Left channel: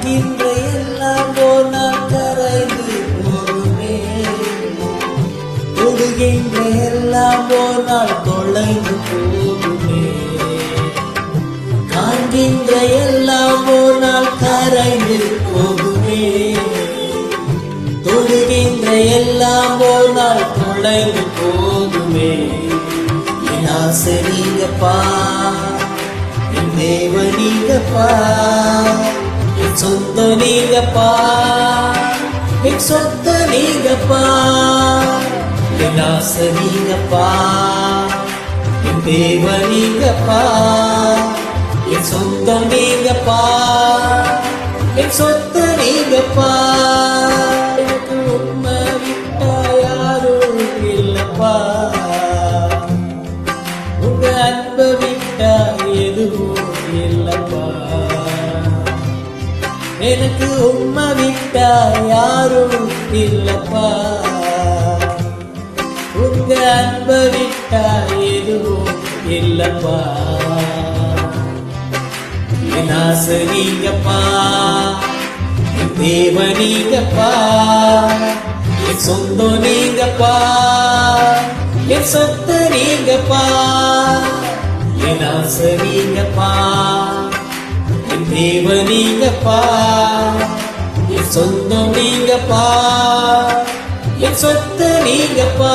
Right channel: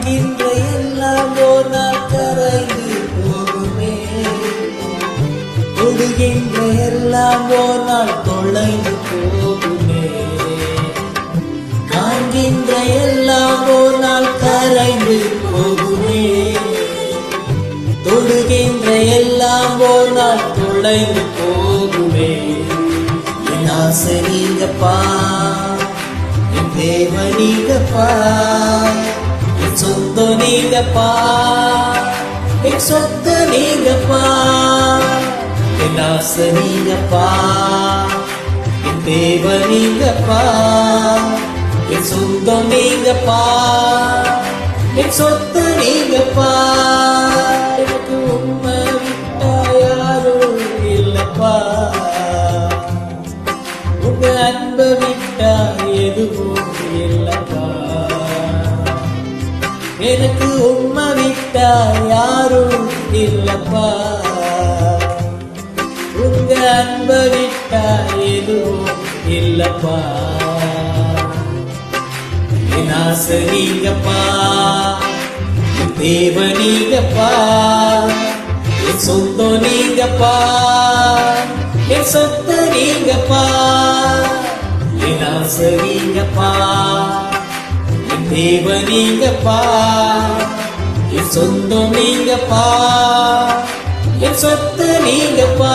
காண்கின்ற எல்லாம் ஒரு நாள் கரைந்து போகுமே, தொடுகின்ற எல்லாம் ஒரு நாள் தொலைந்து போகுமே. காண்கின்ற எல்லாம் ஒரு நாள் கரைந்து போகுமே, தொடுகின்ற எல்லாம் ஒரு நாள் தொலைந்து போகுமே. என் ஆசை நீங்கப்பா, என் தேவ நீங்கப்பா, என் சொந்தம் நீங்கப்பா, என் சொத்து நீங்கப்பா. என் ஆசை நீங்கப்பா, என் தேவ நீங்கப்பா, என் சொந்தம் நீங்கப்பா, என் சொத்து நீங்கப்பா. எனக்கு உண்மை விட்டா யாரும் இல்லப்பா, உங்க அன்ப விட்டா எதுவும் இல்லப்பா. எனக்கு உண்மை விட்டா யாரும் இல்லப்பா, உங்க அன்ப விட்டா எதுவும் இல்லப்பா. என் ஆசை நீங்கப்பா, என் தேவ நீங்கப்பா, என் சொந்தம் நீங்கப்பா, என் சொத்து நீங்கப்பா. என் ஆசை நீங்கப்பா, என் தேவ நீங்கப்பா, என் சொந்தம் நீங்கப்பா, என் சொத்து நீங்கப்பா.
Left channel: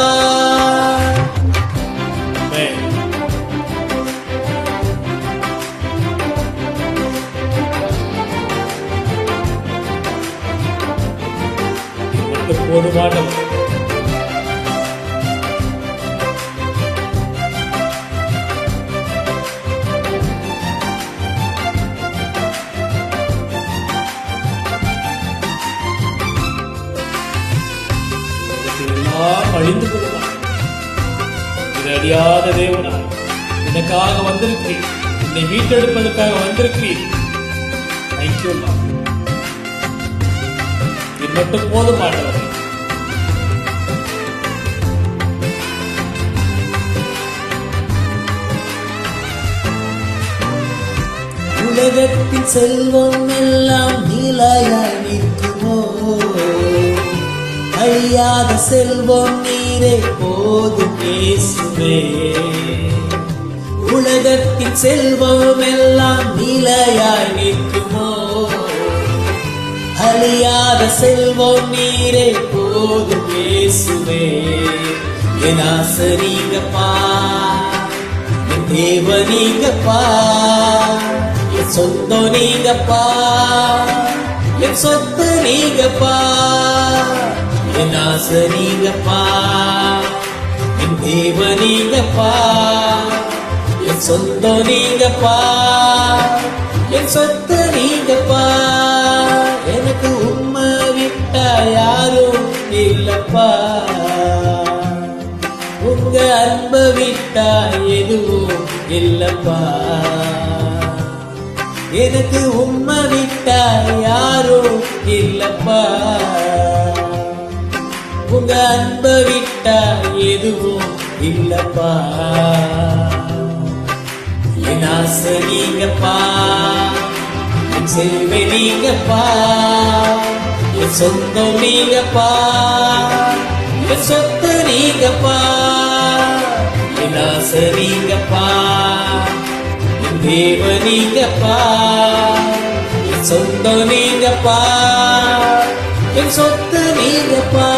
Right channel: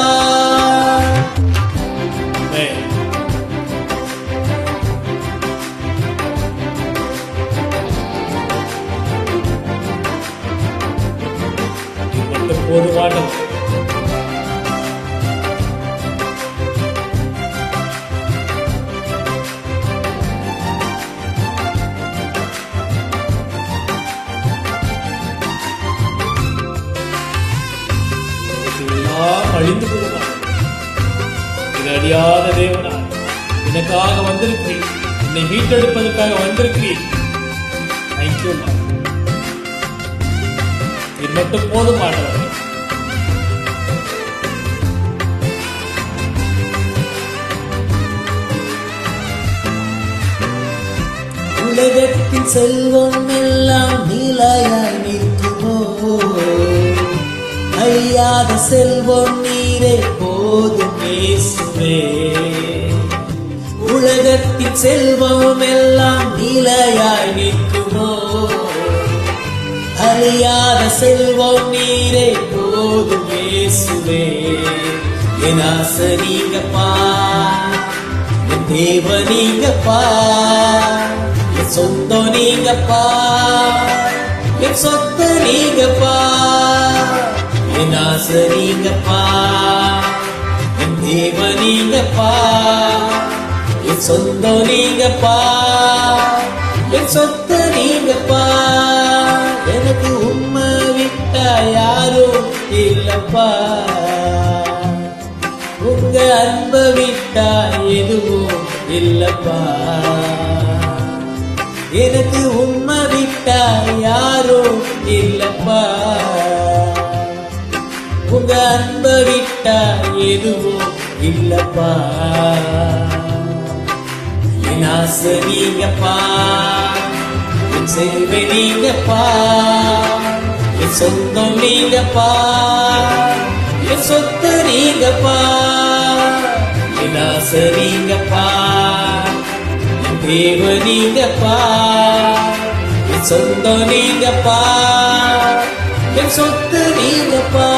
இது மட்டும் போதுமானது. எல்லாம் அழிந்து போகுமா? இது அறியாத தேவனாய் எனக்காக வந்திருக்கிறீர், என்னை மீட்டெடுப்பதற்காக வந்திருக்கிறீர். தேங்க்யூ. இது மட்டும் போதுமானவர். உலகத்தின் செல்வம் எல்லாம் நீலாயாய் நிற்குமோ, அழியாத செல்வம் நீரே போதும் இயேசுவே. உலகத்தின் செல்வம் எல்லாம் நீலையாய் நிற்குமோ, அழியாத செல்வம் நீரே போதும் இயேசுவே. என் ஆசை நீங்கப்பா, என் தேவ நீங்கப்பா, என் சொந்தம் நீங்கப்பா, என் சொத்து நீங்கப்பா. என் ஆசை நீங்கப்பா, என் தேவ நீங்கப்பா, என் சொந்தம் நீங்கப்பா, என் சொத்து நீங்கப்பா. எனக்கு உண்மை விட்டா யாரும் இல்லப்பா, உங்க அன்ப விட்டா எதுவும் இல்லப்பா. எனக்கு உண்மை விட்டா யாரும் இல்லப்பா, உங்க அன்ப விட்டா எதுவும் இல்லப்பா. என் ஆசை நீங்கப்பா, என் சேவை நீங்கப்பா, என் சொந்தம் நீங்கப்பா, என் சொத்து நீங்கப்பா. என் ஆசை நீங்கப்பா, என் தேவ நீங்கப்பா, என் சொந்தம் நீங்கப்பா, என் சொத்து நீங்கப்பா.